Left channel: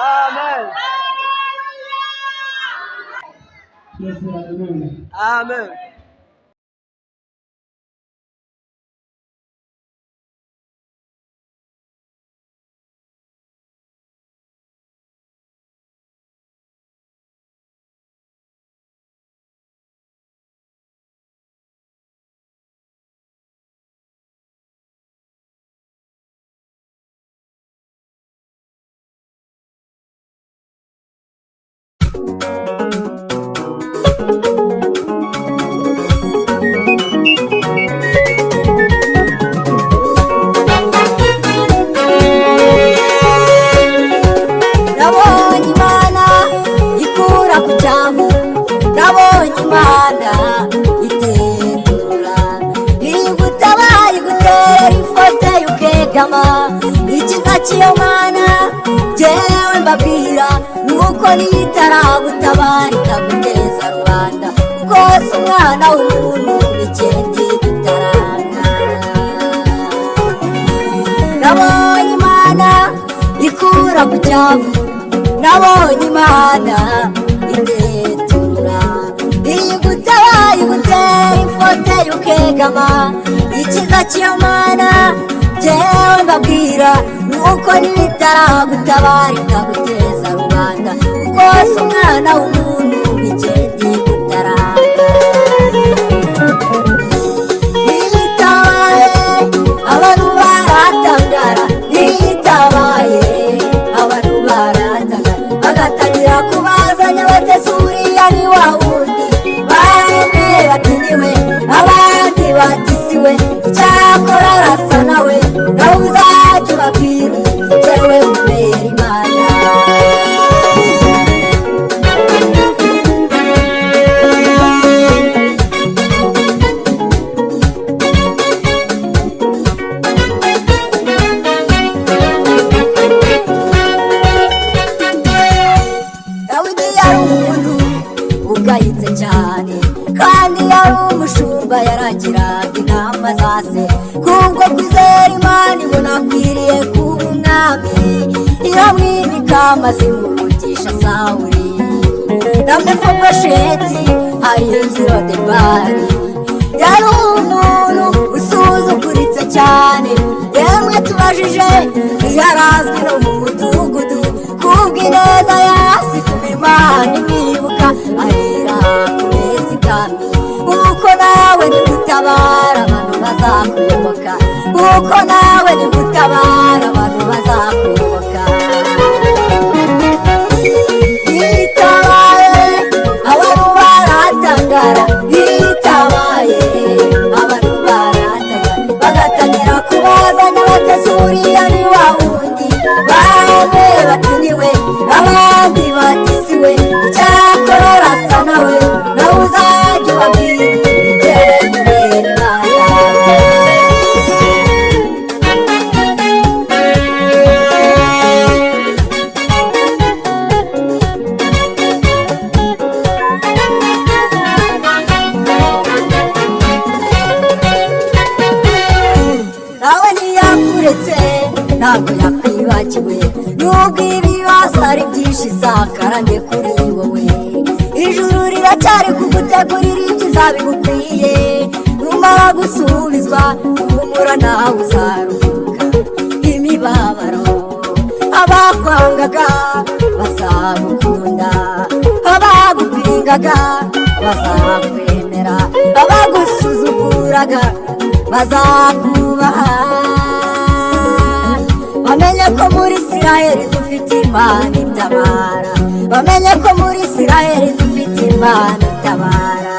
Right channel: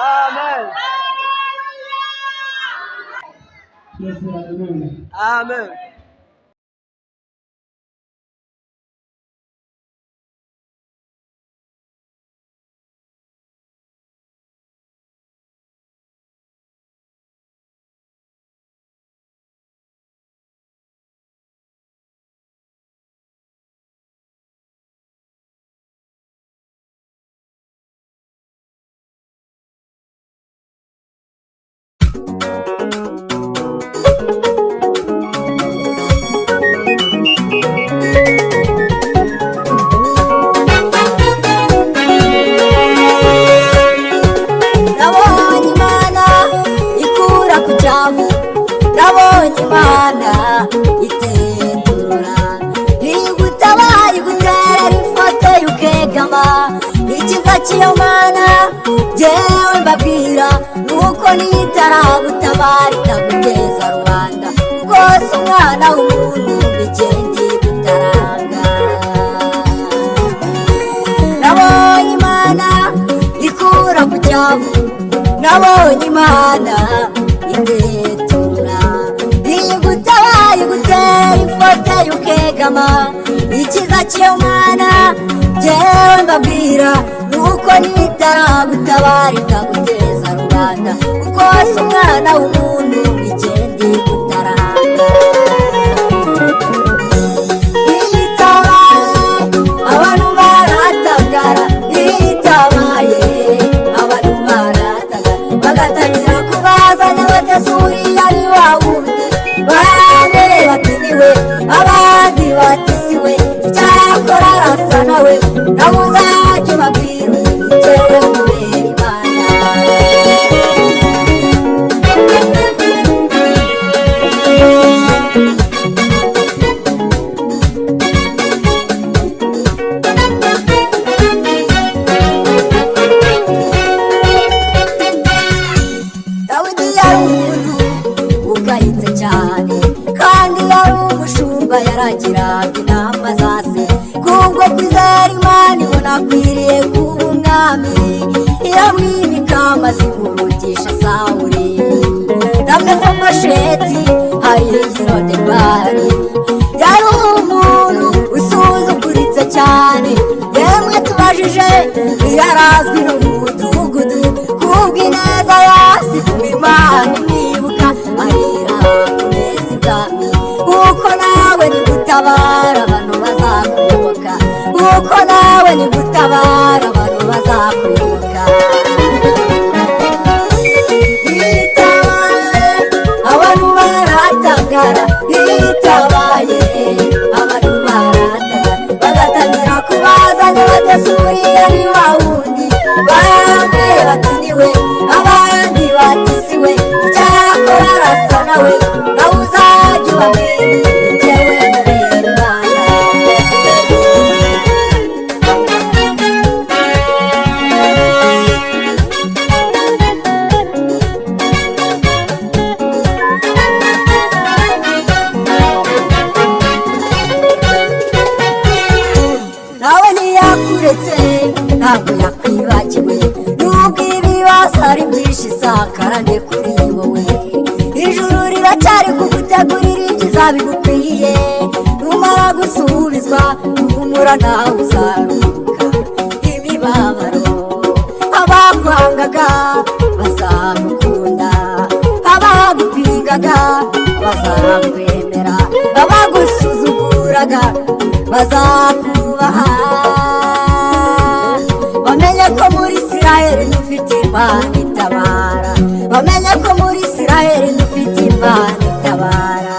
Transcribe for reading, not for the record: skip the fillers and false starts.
Amen. Amen. Nabonye Imana ikura ku cyavu, nabonye Imana itenura, igutabaye igutera ifoto y'ukegama. Ikiza cy'iyo Mana jyewe mbabwira nuko nitaragutabara itaguteza rubanda, rwose umwana w'umuntu igenda igutaranga. Nabonye Imana ikura ku cyavu, nabonye Imana itetura, igutabaye igutera ifoto y'ukegama. Ikiza cy'iyo Mana jyewe mbabwira nuko nitaragutabara itaguteza rubanda, rwose umwana w'umuntu igenda igutaranga. Itabaye abantu baratangara, itabaye abantu baratangara, bagatangira kubazanya batese uriya ni wa wundi. Bamwe bati niwe, abandi bati siwe, icyakora arasa nawe, nawe uzajya ubabwira jyewe nkubera Imana. Dawidi yari umuntu ugayitse cyane, kandi yari umushumba yaragiraga inama za se. Kubwo kwizera Imana ibona akwiriye kuba umwami, iramwimika maze imurutisha Sawuli na Mefibosheti ahirira Debari. Yari umuntu usuzuguritse cyane, yemwe tubajije ntiyarazwi no mu mudugudu. Kubw'ineza yasize Imana imwibuka, arira kumeza ibwami. Kuko nawe nigutabara abantu bazakuyoboka, kuko nawe nigutabara abantu bazakuyoboka. Itabaye abantu baratangara, itabaye abantu baratangara, bagatangira kubazanya batese uriya ni wa wundi. Bamwe bati niwe, abandi bati siwe, icyakora arasa nawe, nawe uzajya ubabwira jyewe nkubera Imana. Nawe ntiyakuretse ntabwo yakwibagiwe, nubwo ibibazo ari byinshi isakarane kuri wowe. Ijuru riracyari kugutegurira ibyiza bigukwiye, numara gusubizwa humura nawe uzaruhuka. Imibabaro abakwangaga bazagukunda, abagupingaga bazakwemera, abagusuzuguraga bazakubaha. Bamenye ko muri Isiraheli dufite Imana itabara, bamenye ko muri Isiraheli dufite Imana itabara.